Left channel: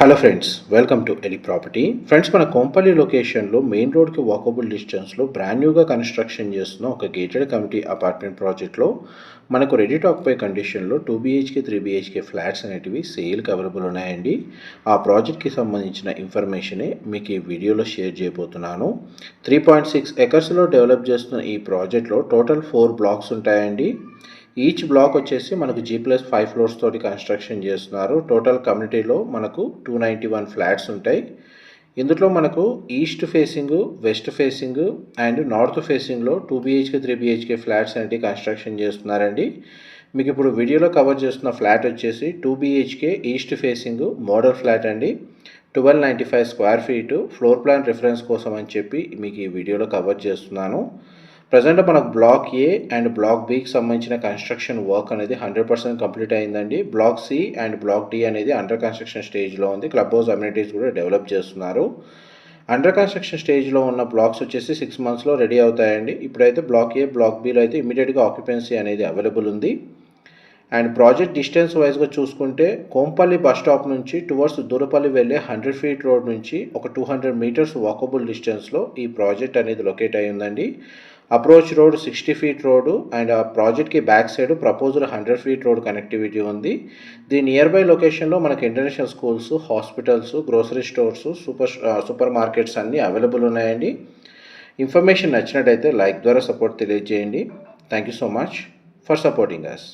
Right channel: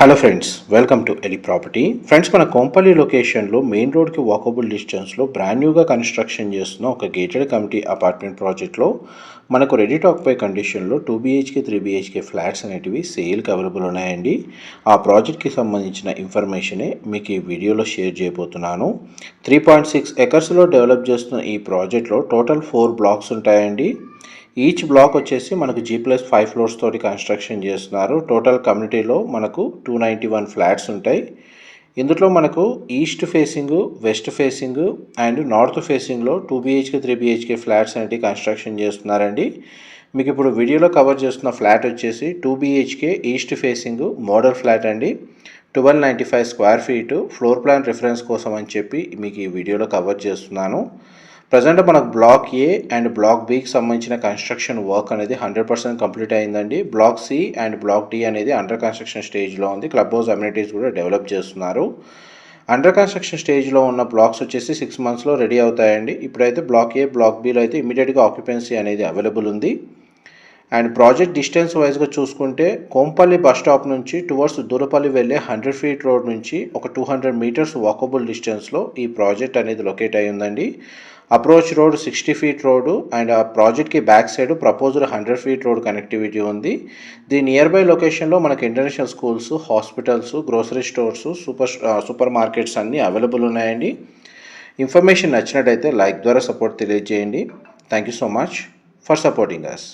Hello friends, welcome to Eli property. Friends, మన కొంపల్లి లొకేషన్లో main రోడ్కి వాకబుల్ డిస్టెన్స్లో బ్రాండ్ న్యూగా కన్స్ట్రక్షన్ చేస్తున్న ఒక గేటెడ్ కమిటీ అపార్ట్మెంట్ ప్రాజెక్ట్లో మనకు రెడీ టు ఆక్యుపై కండిషన్లో 2 BHK 3 BHK ఫ్లాట్స్ అనేటివి సేల్కి అవైలబుల్ ఉన్నాయండి. ఆ ప్రాజెక్ట్కి సంబంధించిన ఇన్ఫర్మేషనే మీకు ఈ వీడియోలో షేర్ చేయబోతున్నాను. 3.6 ఎకర్స్లో డెవలప్ చేస్తున్న ఈ ప్రాజెక్ట్లో టోటల్ 4 బ్లాక్స్ ఉంటాయండి. ఈచ్ బ్లాక్ వచ్చేసి మనకు G+5 ఫ్లోర్స్ తోటి కన్స్ట్రక్షన్ చేస్తున్నారు. టోటల్ కమ్యూనిటీలో మనకు 291 ఫ్లాట్స్ ఉంటాయి. ఇందులో మనకు east facing, west facing and north ఫేసింగ్లో 2 BHK 3 BHK ఫ్లాట్స్ అనేవి కన్స్ట్రక్షన్ చేస్తున్నారండి. మీకు ఇప్పుడు వీడియోలో కవర్ చేస్తున్న ఫ్లాట్ వచ్చేసి 2 BHK east facing model flat అండి. 1295 square feet. Floor plan reference కోసం అని చెప్పి మీకు ఈ వీడియోలో కవర్ చేస్తున్నాను. ప్రజెంట్ మనకు బ్లాక్ ఏ అండ్ బ్లాక్ బికి సంబంధించిన కన్స్ట్రక్షన్ వర్క్ అనేది 100% కంప్లీట్ అయిందండి. Block C and block D అనేది అండర్ కన్స్ట్రక్షన్ స్టేజ్లో ఉంది. క్లబ్ హౌస్ అమ్యూనిటీస్ కూడా డెవలప్ చేస్తున్నారు. అండర్ కన్స్ట్రక్షన్ స్టేజ్లో ఉన్న బ్లాక్స్ వచ్చేసి 6 మంత్స్లో రెడీ అవుతాయండి. ఇప్పుడైతే బ్లాక్ ఏ, బ్లాక్ బిలో అయితే ఇమీడియట్గా ఆక్యుపెన్సీ అనేది అవైలబుల్ ఉంది. అండ్ ప్రాజెక్ట్ డిస్టెన్స్ వైజ్గా చూసుకుంటే కోంపల్లి బస్ స్టాప్ నుంచి టువర్డ్స్ దూరపల్లి వెళ్ళే 100 ఫీట్ రోడ్ నుంచి ఒక 200 మీటర్స్ వాకబుల్ డిస్టెన్స్లో ఈ ప్రాజెక్ట్ అనేది లొకేట్ అయి ఉందండి. Approach road 60 feet road and ఆ ప్రాజెక్ట్కి back side proposed 100 feet road connectivity ఉంది. దీని నియర్ బై లొకేషన్లో మనకి international schools, hospitals, grocery stores, super markets అన్నీ అవైలబుల్ ఉన్నాయండి. ఇన్ఫర్మేషన్ నచ్చినట్టయితే లైక్ ద్వారా సపోర్ట్ తెలియజేయండి. Thank you so much for supporting us.